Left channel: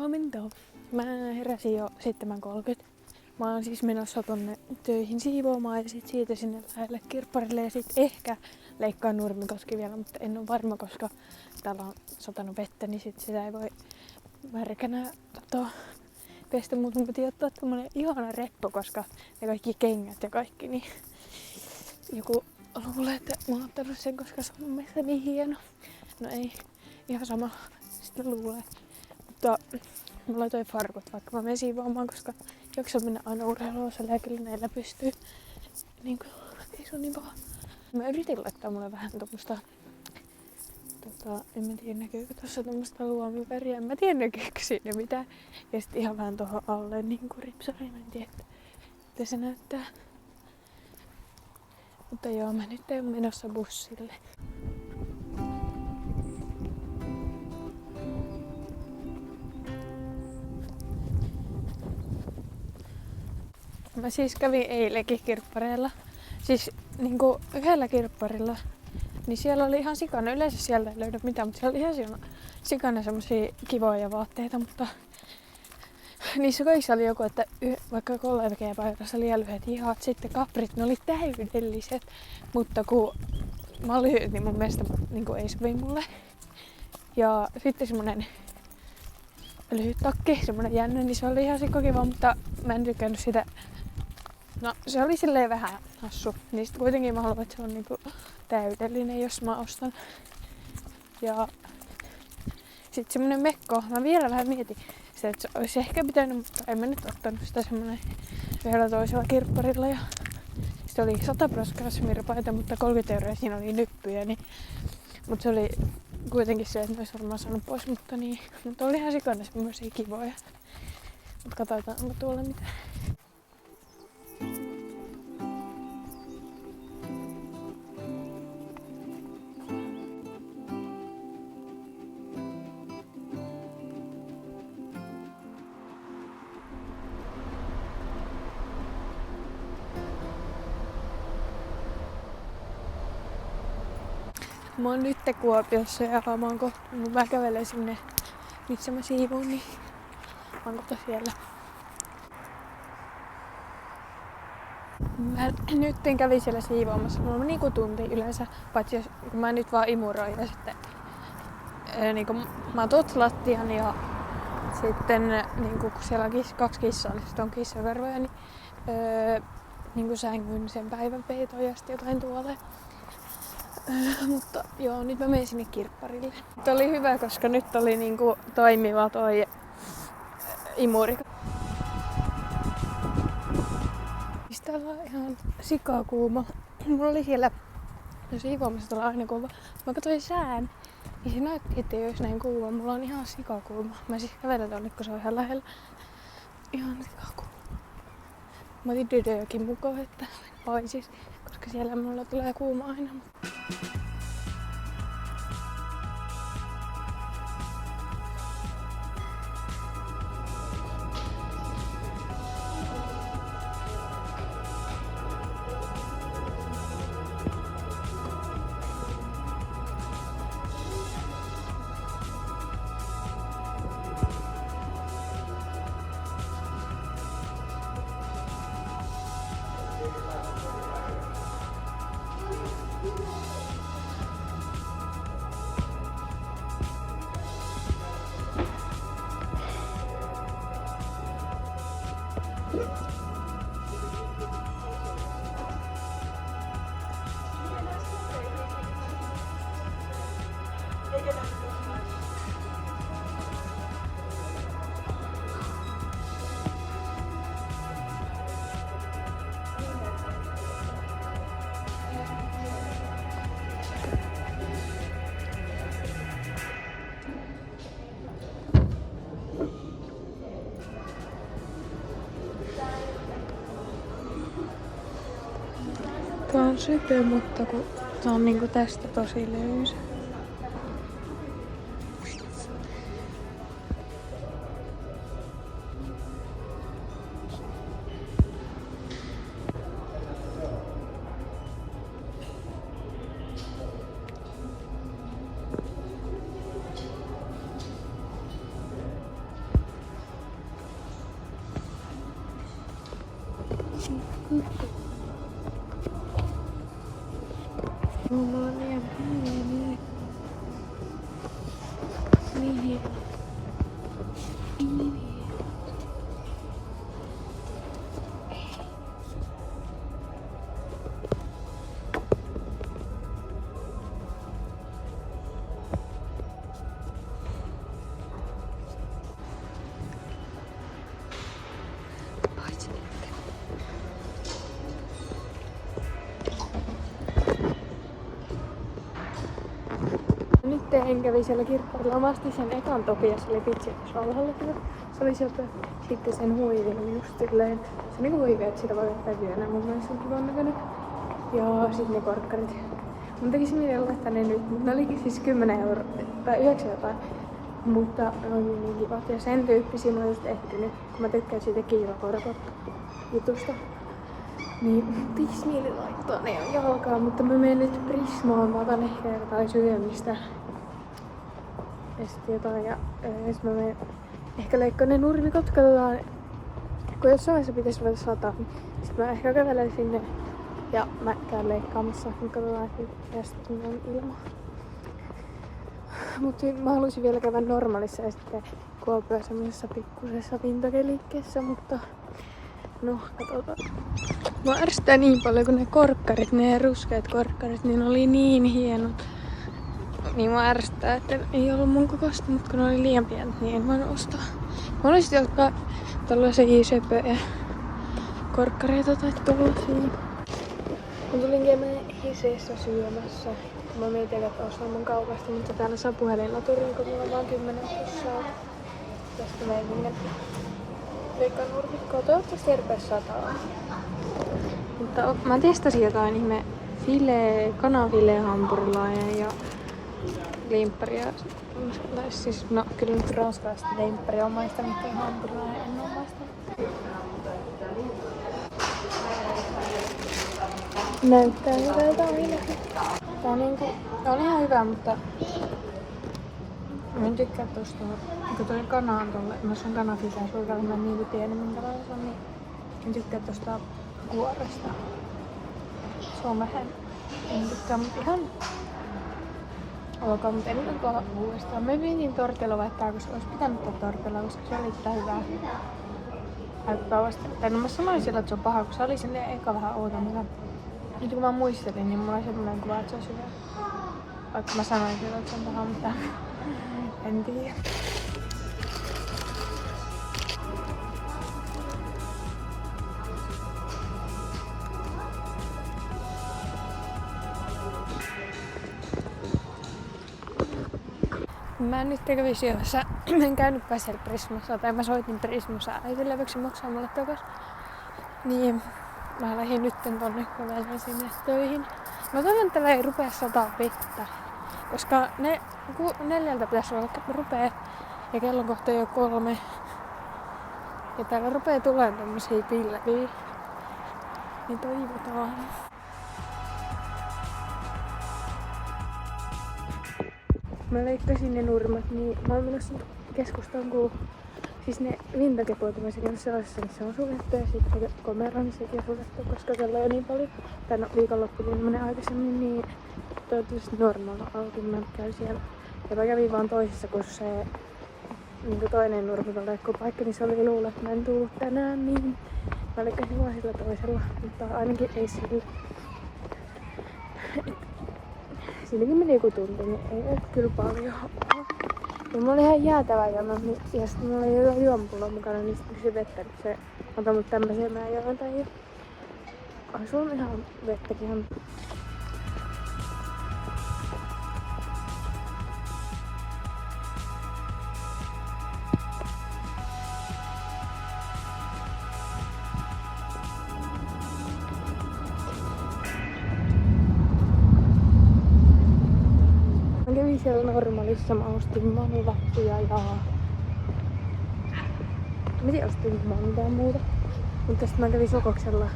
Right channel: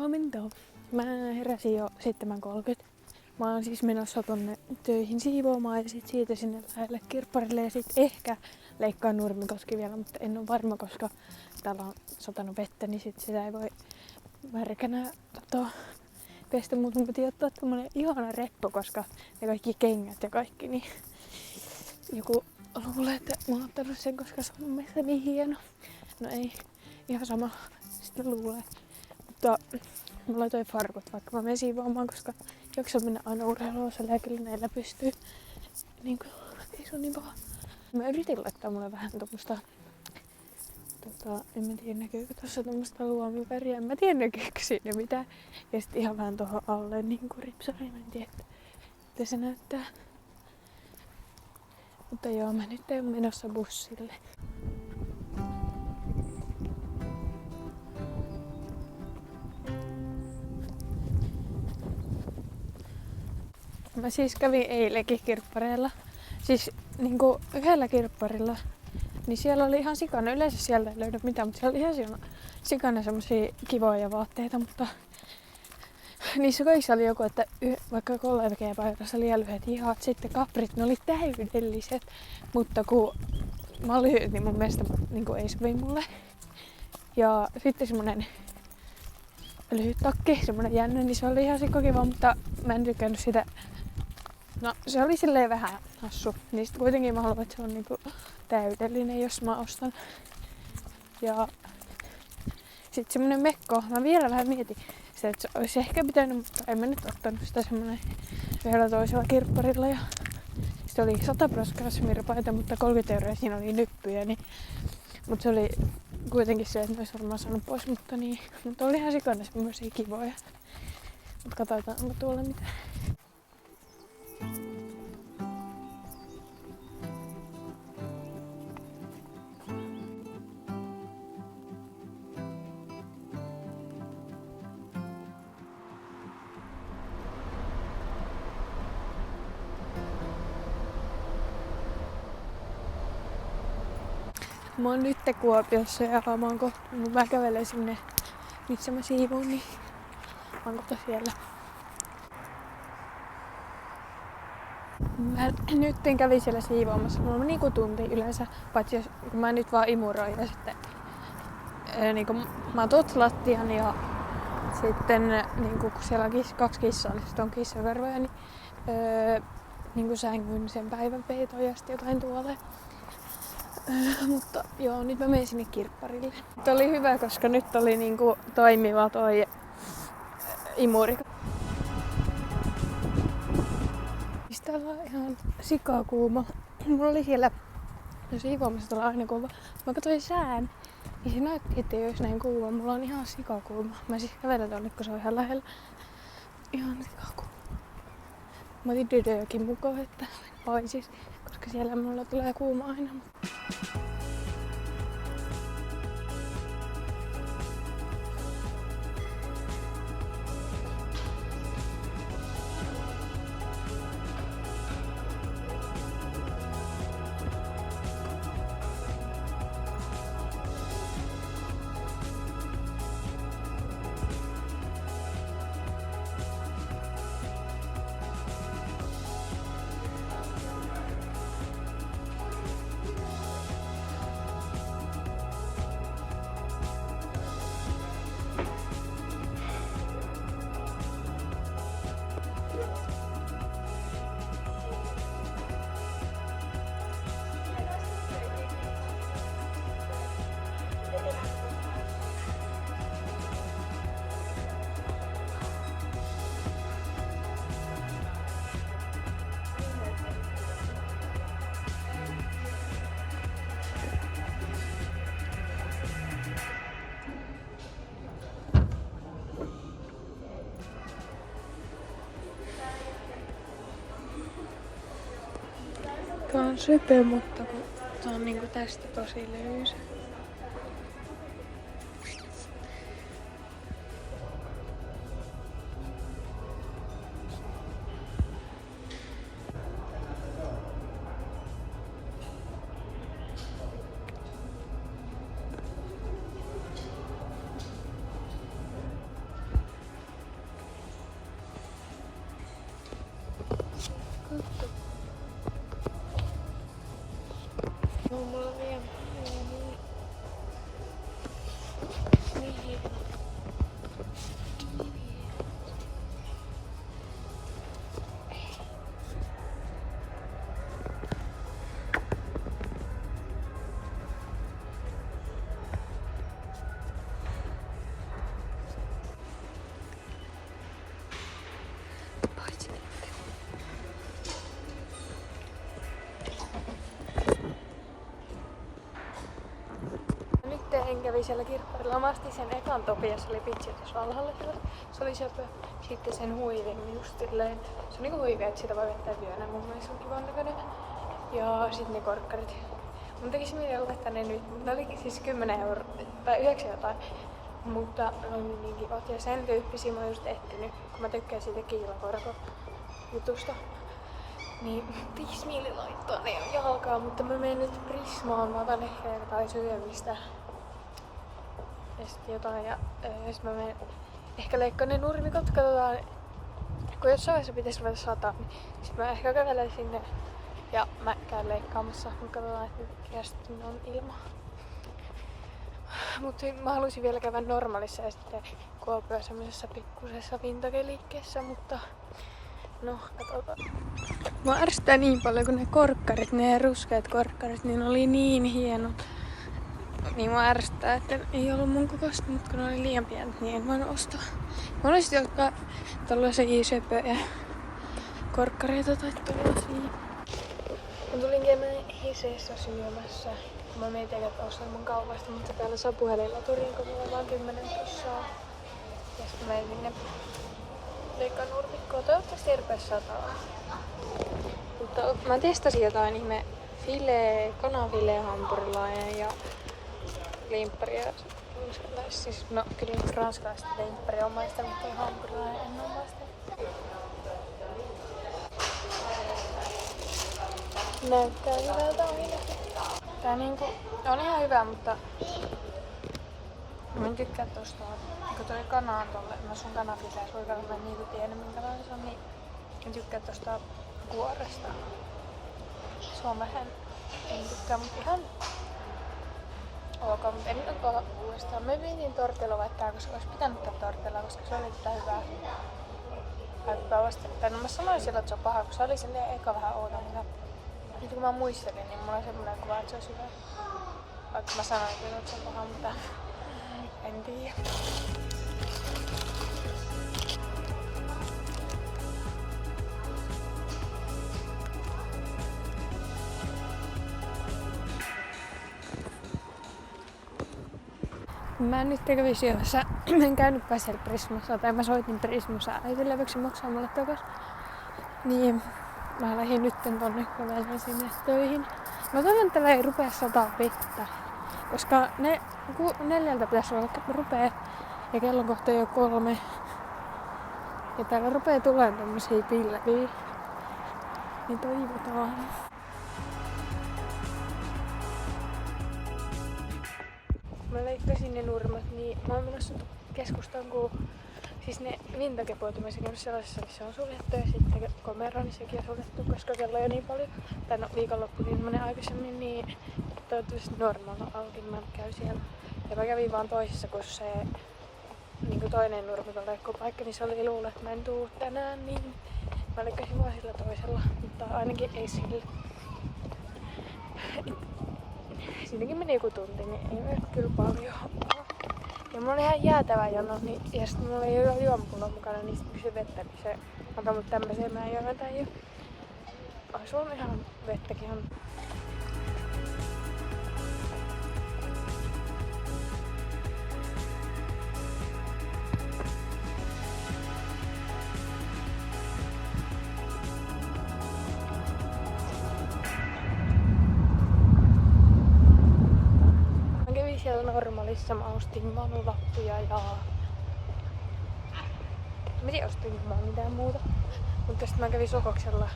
Huomenta. Mä heräsin jo 7:30. Mä oon siis menossa tonne töihin siivoamaan ja sit siitä sinne lähelle kirpparille ja sit ehkä leikkaan Nurmikoski vielä, mutta en oo varma, koska täällä on satanut vettä, niin sit sitä ei voi märkänä pestä, mutta mun piti ottaa tommonen ihana reppo, koska ne kaikki kengät ja kaikki, niin joku luulee, että mä oon ottanut sen, koska se on mun mielestä niin hieno. No ei, ihan sama, sitten luulee. Mutta mä laitoin farkut, vaikka mä menen siivoamaan, koska jaksa mennä aina urheiluosalle ja kyllä näillä pystyy. Niin kuin, ei se on niin paha. Mä yritin laittaa mulle vähän tommoista, en mä tiedä näkyykö tossa tommoista luomiväriä, en mä tiedä näkyykö siinä mitään. Ja sit ihan vähän tohon alle niinku ripsari, mä en tiedä, että se näyttää. Mutta joo, mä nyt oon menossa bussille. Mä siis kävin eilenkin kirppareilla. Siis niinku yhdellä kirpparilla. Niin siellä oli ihan sikana. Yleensä sieltä ei löydä mitään, mutta siellä oli ihan sikana semmosia kivoja vaatteita, mutta niissä kaikissa oli joku, että vaikka kollegepaikassa liian lyhyet hihat, sitten kaprit, ne oli täydelliset. Mutta kun mä oon lyhyt, niin mun mielestä niin ei sovi mulle. Ja sitten semmonen lyhyt takki, semmonen jännä, niin se oli ihan sikkokiva, mutta mä en tykännyt sitä. No se oli silleen vähän hassu. Niin sit kuitenkin mä haluan, että se on niinku täydellinen, jos mä ostan. Ja sit semmonen mekko, mä vielä vähän mietin sitä, että se olisi ehkä pitänyt, mutta en mä nyt ottanut sitä semmonen yhdellä toisella kirpparilla. Ja sit oli 100% kasmiripaita, mutta 30 € siinä oli nyppyjä. Niin, mutta se oli kuitenkin se, että mä ois varmaan saanut pois, mutta niin. Mutta oli ihan sikana semmosia kivoja. Mut katsotaan, onko tuolla mitään. Mä oon nyt Kuopiossa ja mä kävelen sinne, missä mä siivoon, niin mä oon kohta siellä. Mä nyt kävin siellä siivoamassa. Mulla on niinku tunti yleensä, paitsi jos, kun mä nyt vaan imuroin ja sitten niinku, mä oon lattian ja sitten niinku, kun siellä on 2 kissaa, niin sitten on kissakarvoja, niin niinku sängyn sen päivän peitoon ja sitten jotain tuolle. Mutta joo, nyt mä menen sinne kirpparille. Tämä oli hyvä, koska nyt oli niinku toimiva toi imuri. Täällä on ihan sikakuuma. Mulla oli siellä siivoamassa täällä aina kuuma. Mä katsoin sään, niin se näytti, että ei olisi näin kuuma. Mulla on ihan sikakuuma. Mä siis kävelen tonne, kun se on ihan lähellä. Ihan sikakuuma. Mä otin Dödöökin mukaan, että paisis, koska siellä mulla tulee kuuma aina. Tää on söpö, mutta kun tää on niinku tästä tosi löysä. Mulla on liian pieni. Nyt en kävi siellä kirpparilla. Mä astin sen ekan Topias oli pitsi tuossa alhaalla sitä. Se oli söpö. Sitten sen huivin just silleen. Se on niinku huivi, että sitä voi vetää vyönä. Mun mielestä se on kivan näköinen. Ja sit ne korkkarit. Mun tekisi mieleen laittaa ne nyt, mutta ne olikin siis 10 € tai 9 jotain. Mutta ne oli niin kivat. Ja sen tyyppisiä mä oon just etsinyt, kun mä tykkään siitä kiilakorko-jutusta. Niin 5 mieli laittaa ne on jalkaan, mutta mä menen nyt Prismaan. Mä otan ehkä jotain syömistä. Ja sit jotain. Ja sit mä menen ehkä leikkaan ne nurmikot. Katsotaan, kun jossain vaiheessa pitäisi ruveta sataa, niin sit mä ehkä kävelen sinne. Ja mä käyn leikkaamassa. Niin katsotaan, että sitten on ilma. Mutta mä haluaisin vielä käydä normaalissa ja sitten Kuopioon semmoisessa pikkusessa vintage-liikkeessä, mutta no, katsotaan. Mä ärsyttää niin paljon, kun ne korkkarit, ne ruskeat korkkarit, niin ne oli niin hienot. Niin mä ärsyttää, että ei ollut mun kokoista, mutta kun ne oli liian pienet, niin en voinut ostaa. Mä olisin jotka tällaisia söpöjä korkkareita tai tuollaisia. Mä tulin käymään Hiseessä syömässä. Mä mietin, että ostan mun kaupasta, mutta täällä saa puhelinlaturiin, kun mulla on vaan 10 prossaa. Tästä menen sinne leikkaan nurmikkoa. Toivottavasti ei rupea sataa. Mutta mä testasin jotain ihme kananfileen hampurilainen ja limpparia. Siis no, kyllä nyt ranskalaista limpparia on maistanut, mutta hampurilainen en oo maistanut. Näyttää hyvältä ainakin. Tää niinku on ihan hyvä, mutta mä en tykkää tosta, kun toi kana on tolle, mä sun kanafileä suikalla, mä en niinku tiedä minkälainen se on, niin en tykkää tosta kuoresta. Se on vähän, en tykkää, mutta ihan ok, mutta en nyt tuolla uudestaan. Mä pidin tortilla vaihtaa, koska olisi pitänyt ottaa tortilla, koska se oli sitä hyvää. Tai no mä sanoin sillä, että se on paha, kun se oli silleen eka vähän outo, mutta nyt kun mä muistelin, niin mulla on semmoinen kuva, että se olisi hyvä. Vaikka mä sanoin sillä, että se on paha, mutta en tiedä. Mä nyt kävin syömässä. En käynytpä siellä Prismassa, tai mä soitin Prismassa äitille, voiko se maksaa mulle takas. Niin mä lähdin nytten tonne kävelemään sinne töihin. Mä toivon, että ei rupea sataa vettä. Koska 4 pitäisi olla rupee ja kello on kohta jo 3. Ja täällä rupee tulemaan tämmösiä pilviä. Niin toivotaan. Mä leikkasin ne nurmat, niin mä oon menossa keskustaan, kun siis ne vintagepuut mä käynyt sellaisessa, missä on suljettu ja sitten komero, niin sekin on suljettu, koska kello on niin paljon. Tai no viikonloppukin menee aikaisemmin, niin toivottavasti normalla auki, niin mä käyn siellä. Ja mä kävin vaan toisessa, kun se niin toinen nurmikoleikkupaikka, niin se oli luulla, että mä en tuu tänään, niin mä leikkasin vaan sillä toisella, mutta ainakin ei sillä. Siinäkin meni joku tunti, niin ei ole kyllä paljon. Ja mulla oli ihan jäätävä jano, niin, ja sitten mulla ei ole juomapullo mukana, niin sitten kysyi vettä, niin se antoi mut tämmösiä, mä en juoda tai jo. Ai sulla on ihan vettäkin on. Siellä normaalissa mä ostin valuvappuja ja mä ostin mitään muuta. Mutta sitten mä kävin Sokoksella,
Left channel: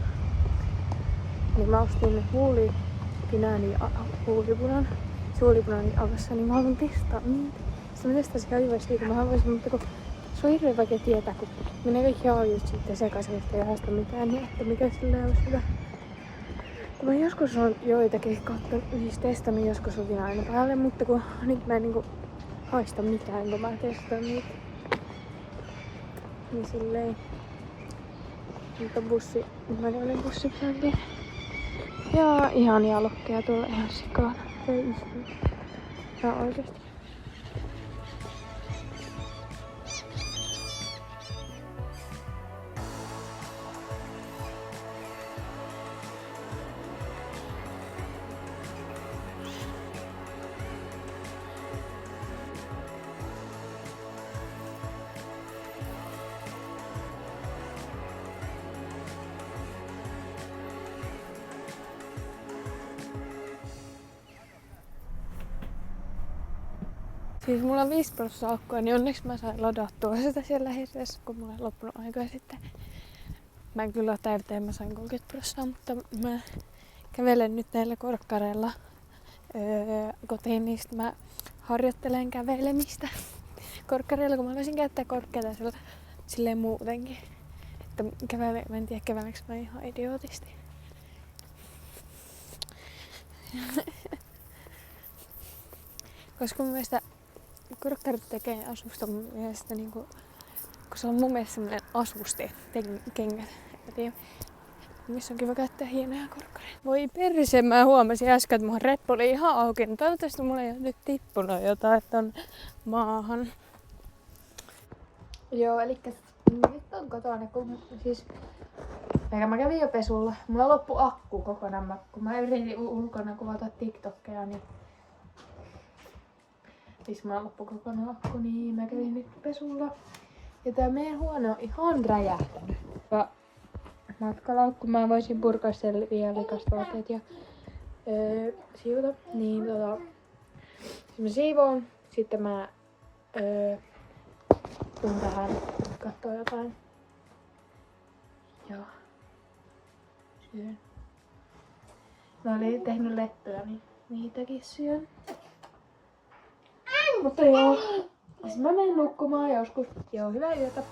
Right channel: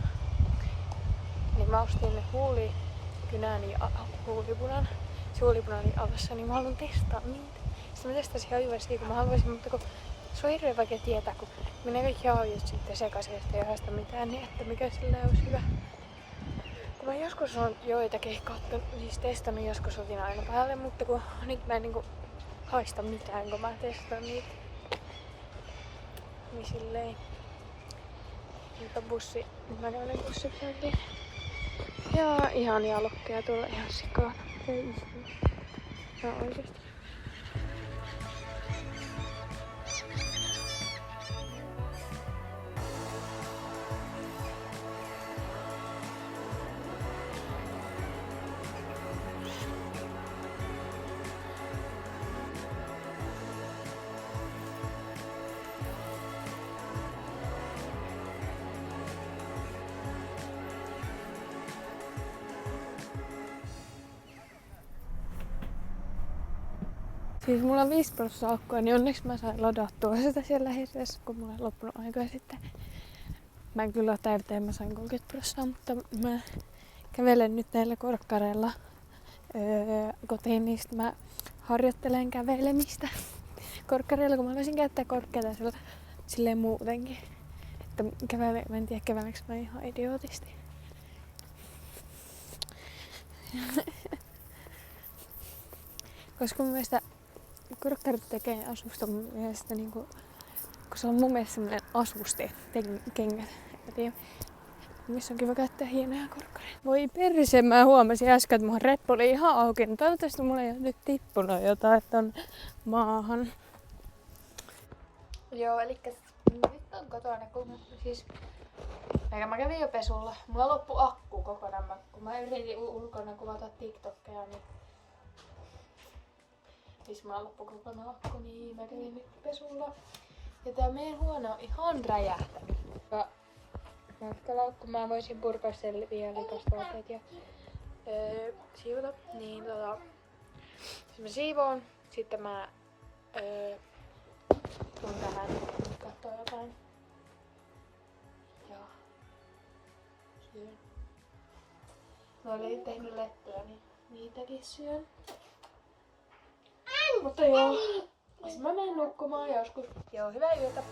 niin mä ostin huulikynän ja huulipunan. Se huulipuna oli avassa, niin mä haluan testaa niitä. Sitten mä testasin ihan hyvä siitä, mä haluaisin, mutta kun Se on hirveän vaikea tietää, kun menee kaikki haavit sitten sekaisin, että ei haista mitään, niin että mikä sillä olisi hyvä. Kun mä joskus on joitakin niistä testannut joskus otin aina päälle, mutta kun nyt mä en niinku haista mitään, kun mä testaan niitä. Niin silleen. Mutta bussi, nyt mä kävelen bussipysäkille. Ja ihania lokkeja tuolla ihan sikaan. Ei yhtään. Ja oikeesti. Siis mulla on 5% akkua, niin onneksi mä sain ladattua sitä siellä hirveässä, kun mulla on loppunut aikaa sitten. Mä en kyllä ole täyteen, mä sain 30%, mutta mä kävelen nyt näillä korkkareilla kotiin, niin sit mä harjoittelen kävelemistä korkkareilla, kun mä voisin käyttää korkkeita silleen muutenkin. Että mä en tiedä käveleekö mä ihan idiootisti. Koska mun mielestä korkkarit tekee asusta mun mielestä niinku, kun se on mun mielestä semmonen asuste kengät. En tiedä. Missä on kiva käyttää hienoja korkkareita. Voi perse, mä huomasin äsken, että mun reppu oli ihan auki. No toivottavasti mulla ei ole nyt tippunut jotain ton maahan. Joo, elikkä nyt on kotona, kun siis mä kävin jo pesulla. Mulla loppu akku kokonaan, kun mä yritin ulkona kuvata TikTokkeja, niin siis mulla loppu kokonaan akku, niin mä kävin nyt pesulla. Ja tää meidän huone on ihan räjähtänyt. Ja matkalaukku mä voisin purkaa sen vielä vikastavaatteet ja siivota. Niin mä siivoon. Sitten mä tuun tähän kattoo jotain. Ja syön. Mä olin tehnyt lettuja, niin niitäkin syön. Mutta joo, mä menen nukkumaan joskus. Joo, hyvää yötä.